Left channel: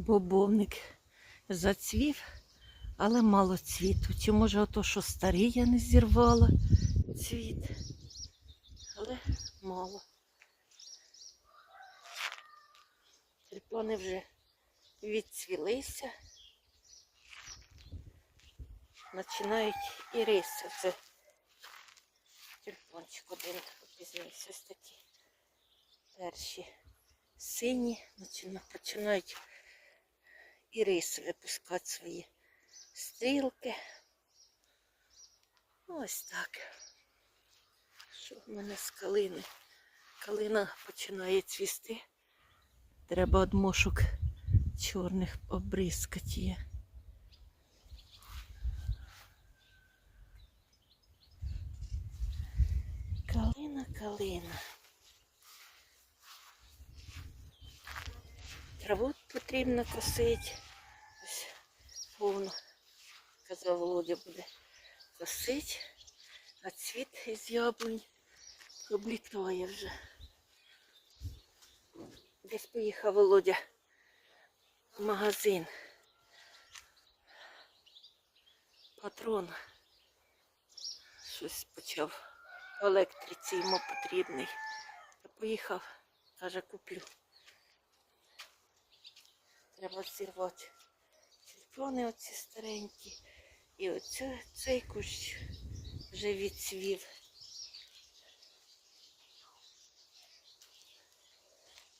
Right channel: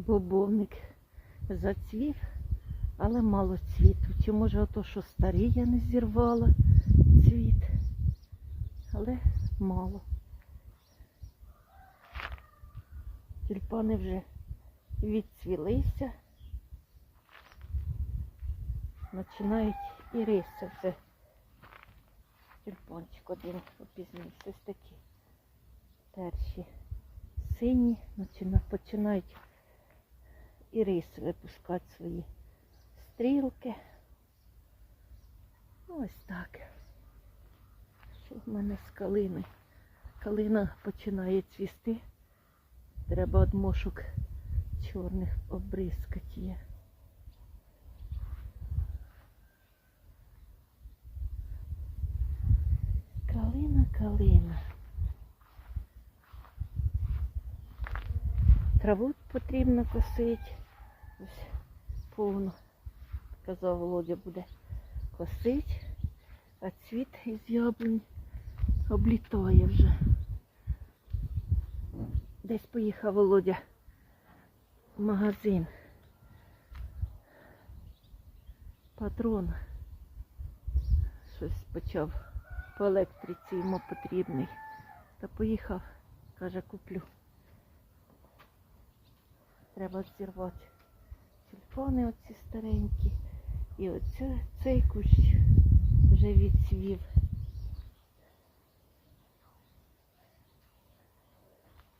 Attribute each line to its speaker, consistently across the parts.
Speaker 1: бобовник зацвів, але мало цвіту. Чи може ото, що старий я не зірвала цвіт, але мало. Тюльпани вже відцвілися. Починають і риси. Це тюльпанчик один опізнився. Ось такі перші сині починають і риси випускати свої стрілки. Ось так. Що в мене з калини? Калина починає цвісти. Треба одмошок чорних обризкати її. Калина, калина. Траву потрібно косити. Ось повно. Казав, Володя буде косити, а цвіт із яблунь облітає вже. Десь поїхав Володя в магазин. Патрон. Щось почав по електриці йому потрібний. Та поїхав, каже, куплю. Треба зірвати тюльпани оці старенькі. І оце, цей кущ вже відцвів.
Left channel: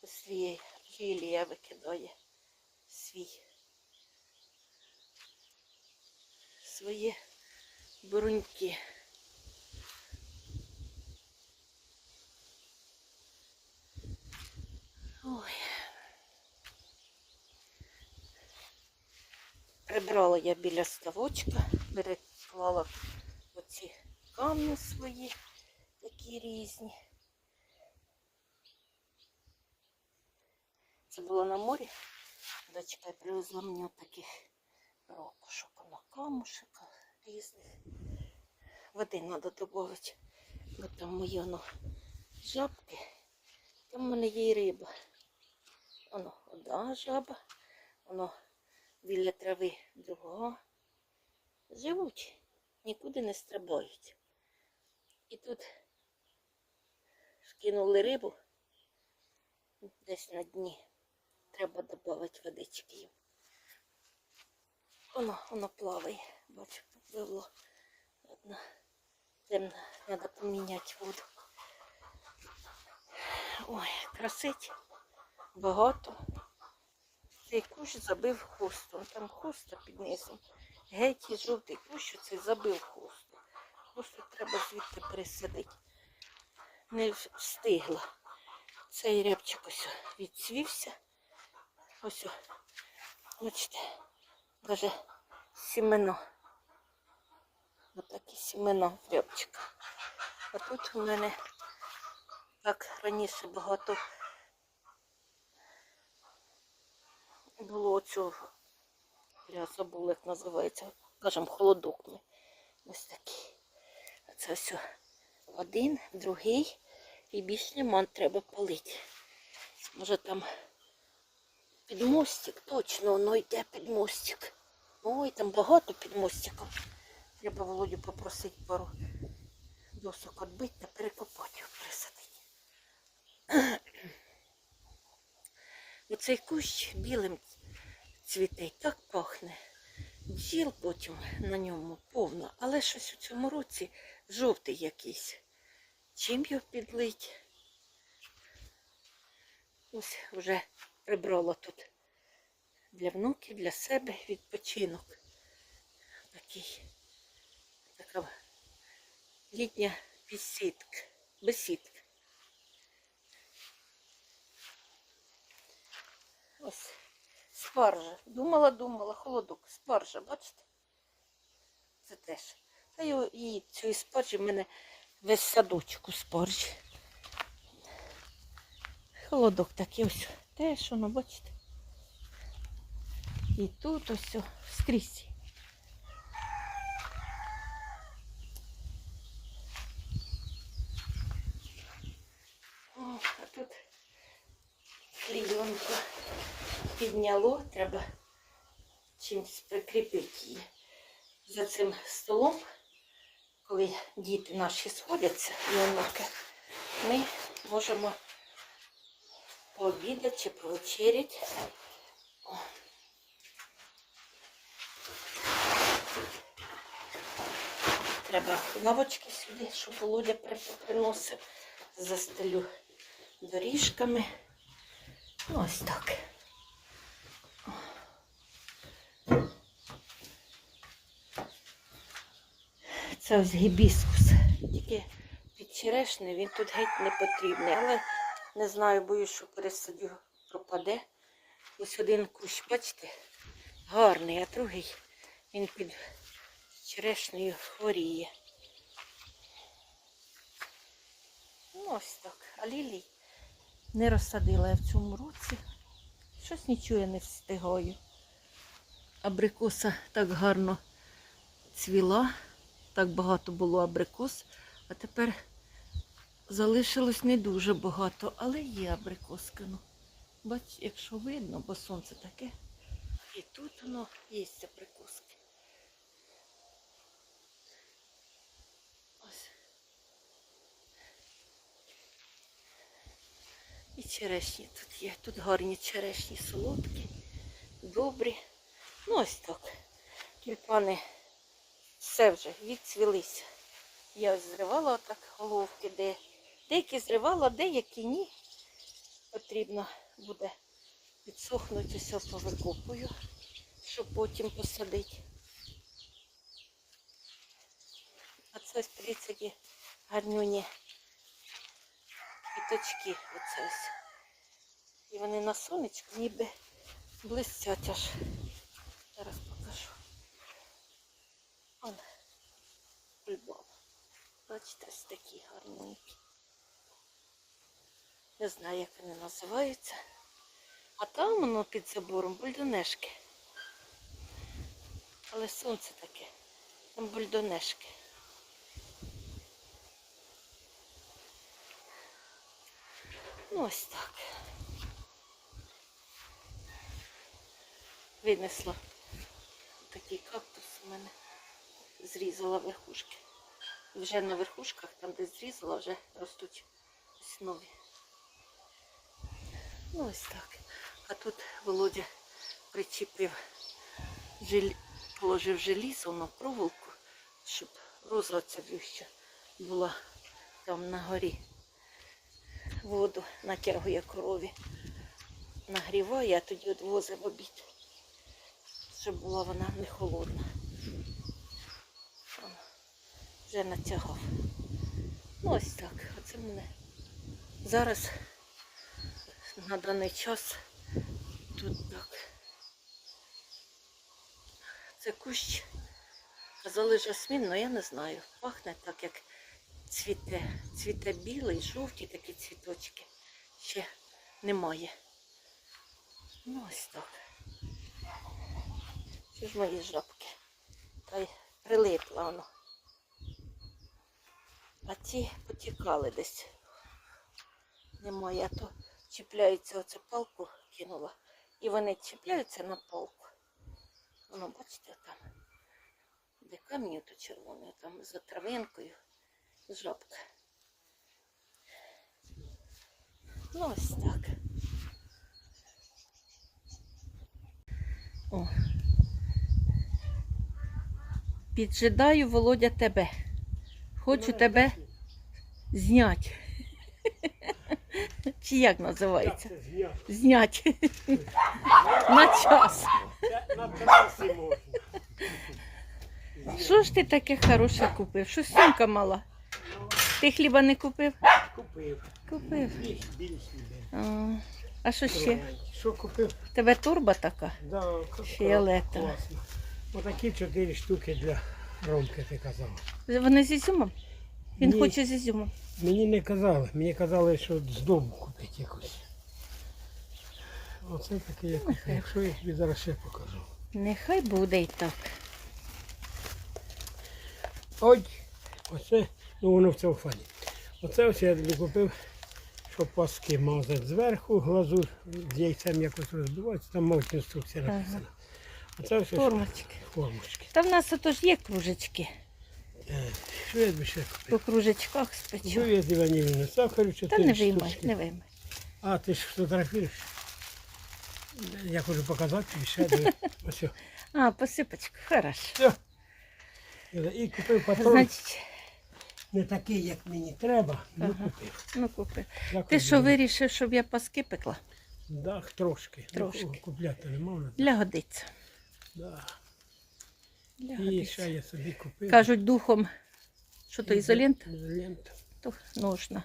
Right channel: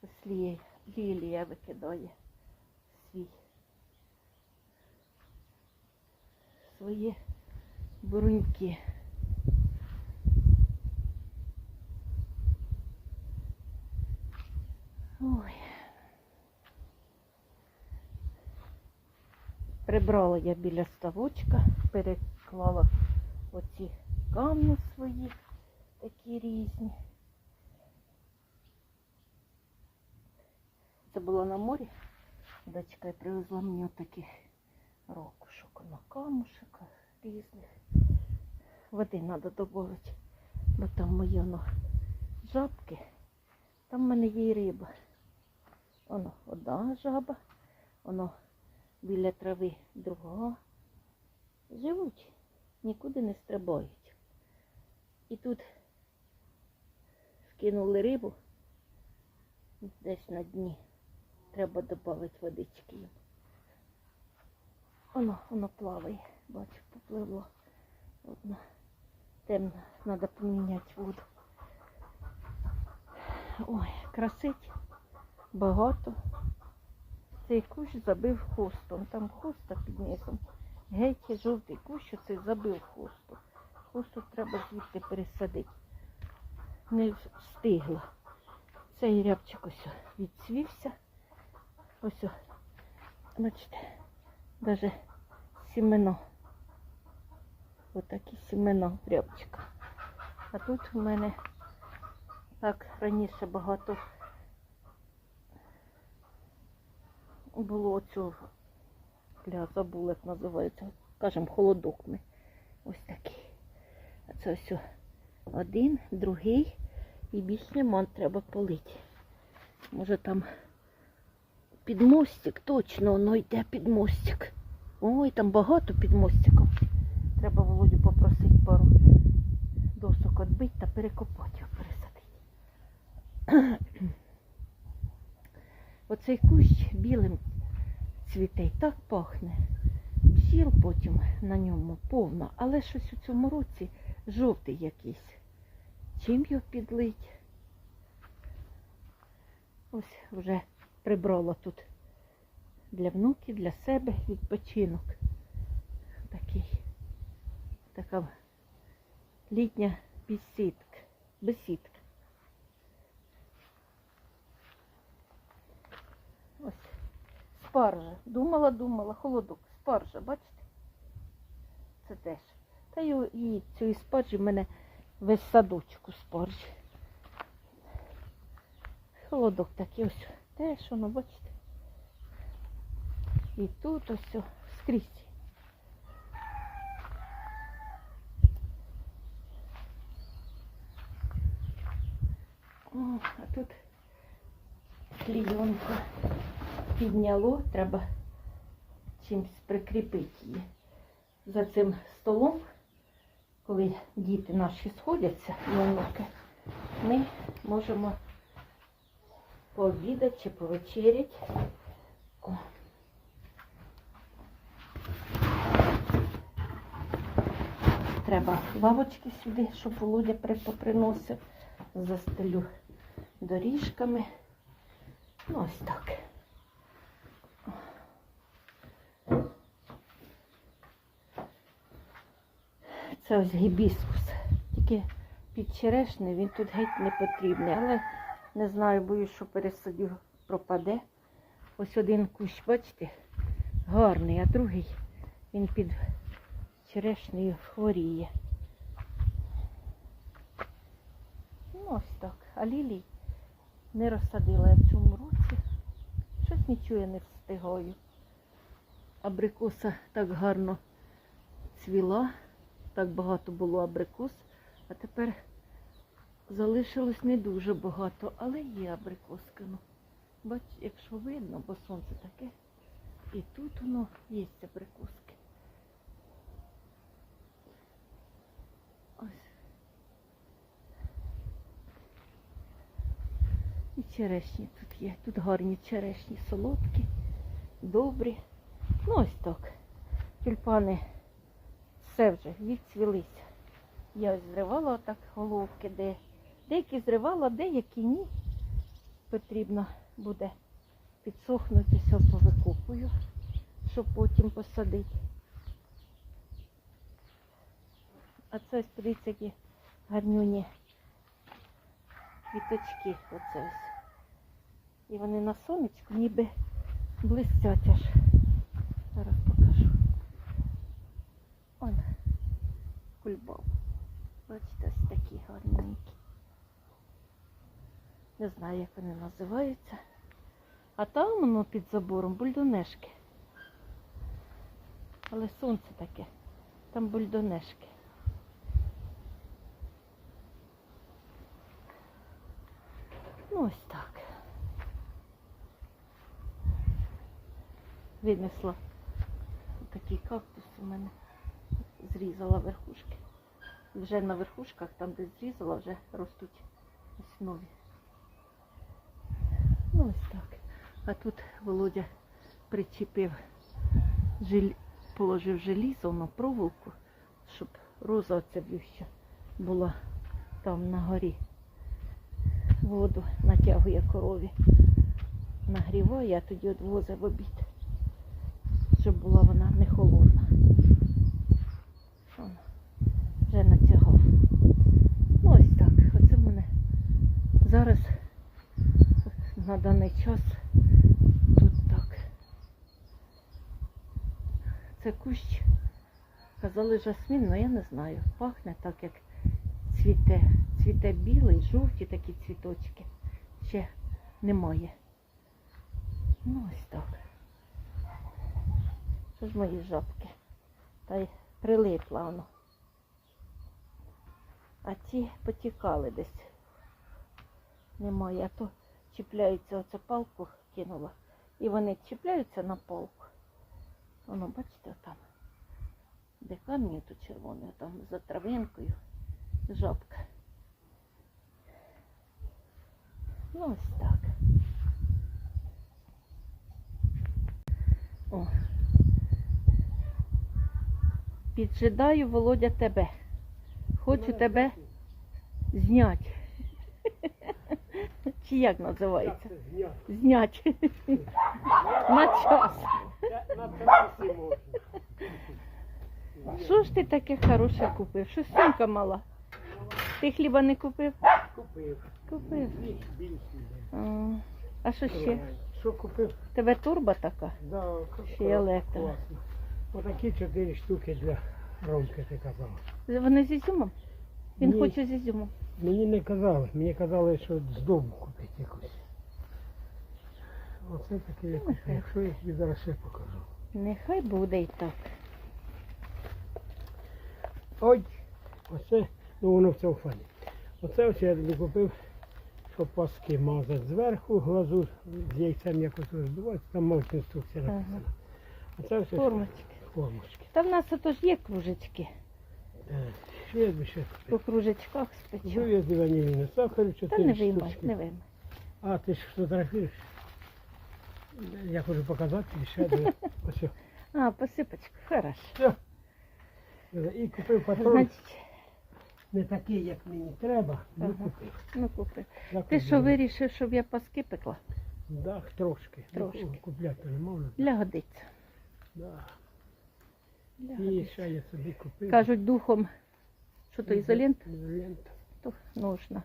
Speaker 1: Ось лі- лілія викидає свій. Свої бруньки. Ой. Прибрала я біля ставочка, переклала оці камні свої, такі різні. Це було на морі. Дочка привезла мені таких ракушок на камушек різних. Води треба додати, бо там мої воно жабки. Там в мене є риба. Воно одна жаба, воно біля трави другого. Живуть, нікуди не стрибають. І тут скинули рибу десь на дні. Треба додати водички їм. Воно, воно плаває. Бачу, попливло. Одна темна, треба поміняти воду. Ой, красить багато. Цей кущ забив хустом. Там хуста під низом. Геть жовтий кущ оцей забив хусту. Хусту треба звідти пересадити. Не встигла. Цей рябчик ось відцвівся. Ось, бачите, навіть сімено. Отакі сімена в рябчика. А тут у мене так раніше багато було цього. Бля, забула, як називається. Кажемо, холодок ми. Ось такий. А це ось один, другий. І більш нема, треба полити. Може там під мостик, точно воно йде під мостик. Ой, там багато під мостиком. Треба Володю попросити пару досок відбити та перекопати його, пересадити. Оцей кущ білим цвіте так пахне. Бджіл потім на ньому повно, але щось у цьому році жовтий якийсь. Чим його підлить? Ось вже прибрала тут для внуків, для себе відпочинок. Такий, така літня бесідка. бесідка. Ось спаржа. Думала, думала, холодок. Спаржа, бачите? Це теж. Та її цієї спаржі в мене весь садочок у спаржі. Холодок такий ось. Теж воно, бачите. І тут ось скрізь. О, а тут клійонка. Підняло, треба чимось прикріпити її. За цим столом, коли діти наші сходяться, і онуки, ми можемо пообідати чи повечеряти. О. Треба лавочки сюди, щоб Володя при- поприносив. Застелю доріжками. Ну, ось так. Це ось гібіскус. Тільки під черешнею він тут геть не потрібний. Але не знаю, боюсь, що пересадю пропаде. Ось один кущ, бачите, гарний, а другий він під черешнею хворіє. Ну, ось так. А лілій не розсадила я в цьому році. Щось нічого я не встигаю. Абрикоса так гарно цвіла, так багато було абрикос, а тепер залишилось не дуже багато, але є абрикоска. Ну. Бач, якщо видно, бо сонце таке. І тут воно є абрикоски. Ось. І черешні тут є. Тут гарні черешні, солодкі, добрі. Ну ось так. Тюльпани все вже відцвілися. Я ось зривала отак головки, де деякі зривала, деякі ні. Потрібно буде підсохнути, все повикопую, щоб потім посадити. А це ось подивіться, які гарнюні квіточки. Оце ось. І вони на сонечку ніби блистять аж. Зараз покажу. Он кульбаб. Бачите, ось такі гарненькі. Не знаю, як вони називаються. А там воно під забором бульдонешки. Але сонце таке. Там бульдонешки. Ну ось так. Винесла такий кактус у мене. Зрізала верхушки. Вже на верхушках, там де зрізала, вже ростуть ось нові. Ну ось так. А тут Володя причепив, жел... положив желізо на проволоку, щоб роза оця вюща була там на горі. Воду натягує корові. Нагріває, а тоді відвозить в обід, щоб була вона не холодна. О, Вже натягав. Ну ось так. Оце в мене зараз на даний час тут так. Це кущ. Казали жасмін, але я не знаю. Пахне так, як цвіте. Цвіте білий, жовті такі цвіточки. Ще немає. Ну ось так. Що ж мої жабки? Та й прилипла воно. А ті потікали десь. Немає, а то чіпляються, оце палку кинула. І вони чіпляються на палку. Воно, бачите, там. Де камінь тут червоний, там за травинкою жабка. Ну ось так. О. Піджидаю, Володя, тебе. Хочу тебе зняти. Чи як називається?
Speaker 2: Зняти?
Speaker 1: Зняти. На час.
Speaker 2: На трасі можна.
Speaker 1: Що ж ти таке хороше купив? Що сумка мала? Ти хліба не купив?
Speaker 2: Купив.
Speaker 1: Купив. А, а що ще?
Speaker 2: Що купив?
Speaker 1: Тебе турба така?
Speaker 2: Да,
Speaker 1: Фіолетова.
Speaker 2: Отакі чотири штуки для Ромки, ти казав.
Speaker 1: Вони з ізюмом? Він
Speaker 2: Ні.
Speaker 1: хоче з ізюмом.
Speaker 2: Мені не казали, мені казали, що з дому купити якусь. Оце таке я купив. Якщо я тобі зараз ще покажу.
Speaker 1: Нехай буде і так.
Speaker 2: Ой, оце, ну воно в цьому фані. Оце ось я тобі купив щоб паски мазати зверху, глазур з яйцем якось розбивається, там мабуть інструкція написана. А це все
Speaker 1: Формочки.
Speaker 2: формочки.
Speaker 1: Та в нас отож є кружечки.
Speaker 2: Що я б ще
Speaker 1: По
Speaker 2: купив?
Speaker 1: кружечках спечу.
Speaker 2: Жує ванільне сахару,
Speaker 1: Та не виймай,
Speaker 2: штучки.
Speaker 1: не виймай.
Speaker 2: А, ти ж фотографуєш? Я хочу показати тобі ще диви. Ось. о.
Speaker 1: А, посипочку, хорошо.
Speaker 2: Все. І купив патрон.
Speaker 1: Значить,
Speaker 2: Не такий, як мені треба, ну
Speaker 1: Ага.
Speaker 2: купив.
Speaker 1: ну купи.
Speaker 2: Якось
Speaker 1: Ти що вирішив, щоб я паски пекла?
Speaker 2: Да, трошки.
Speaker 1: Трошки.
Speaker 2: Ну, купляти не можна.
Speaker 1: Для годиться.
Speaker 2: Да. І ще я собі купив.
Speaker 1: Кажуть, духом, що то ізолент,
Speaker 2: Ізолента.
Speaker 1: то нужно.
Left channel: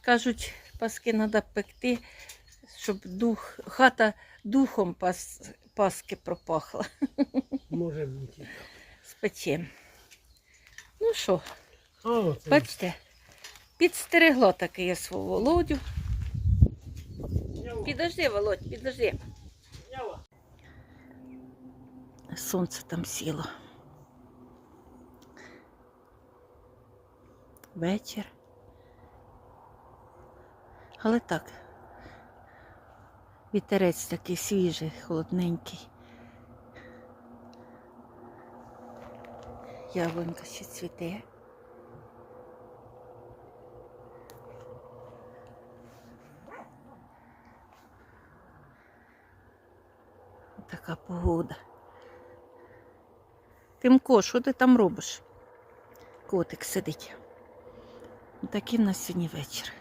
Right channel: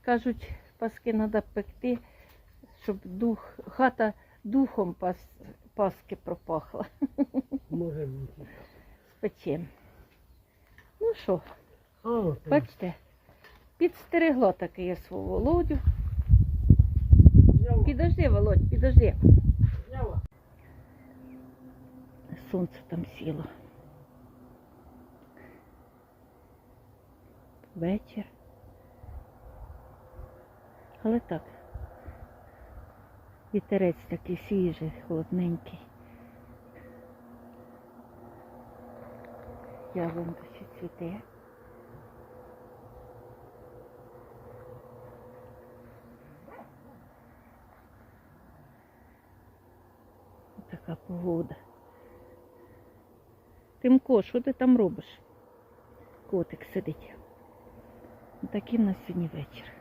Speaker 1: Кажуть, паски треба пекти, щоб дух, хата духом пас, паски пропахла.
Speaker 2: Може бути.
Speaker 1: Спечем. Ну що, бачите, підстерегло таке я свого Володю. Підожди, Володь, підожди. Сонце там сіло. Вечір. Але так. Вітерець такий свіжий, холодненький. Яблунька ще цвіте. Така погода. Тимко, що ти там робиш? Котик сидить. Такий в нас сьогодні вечір.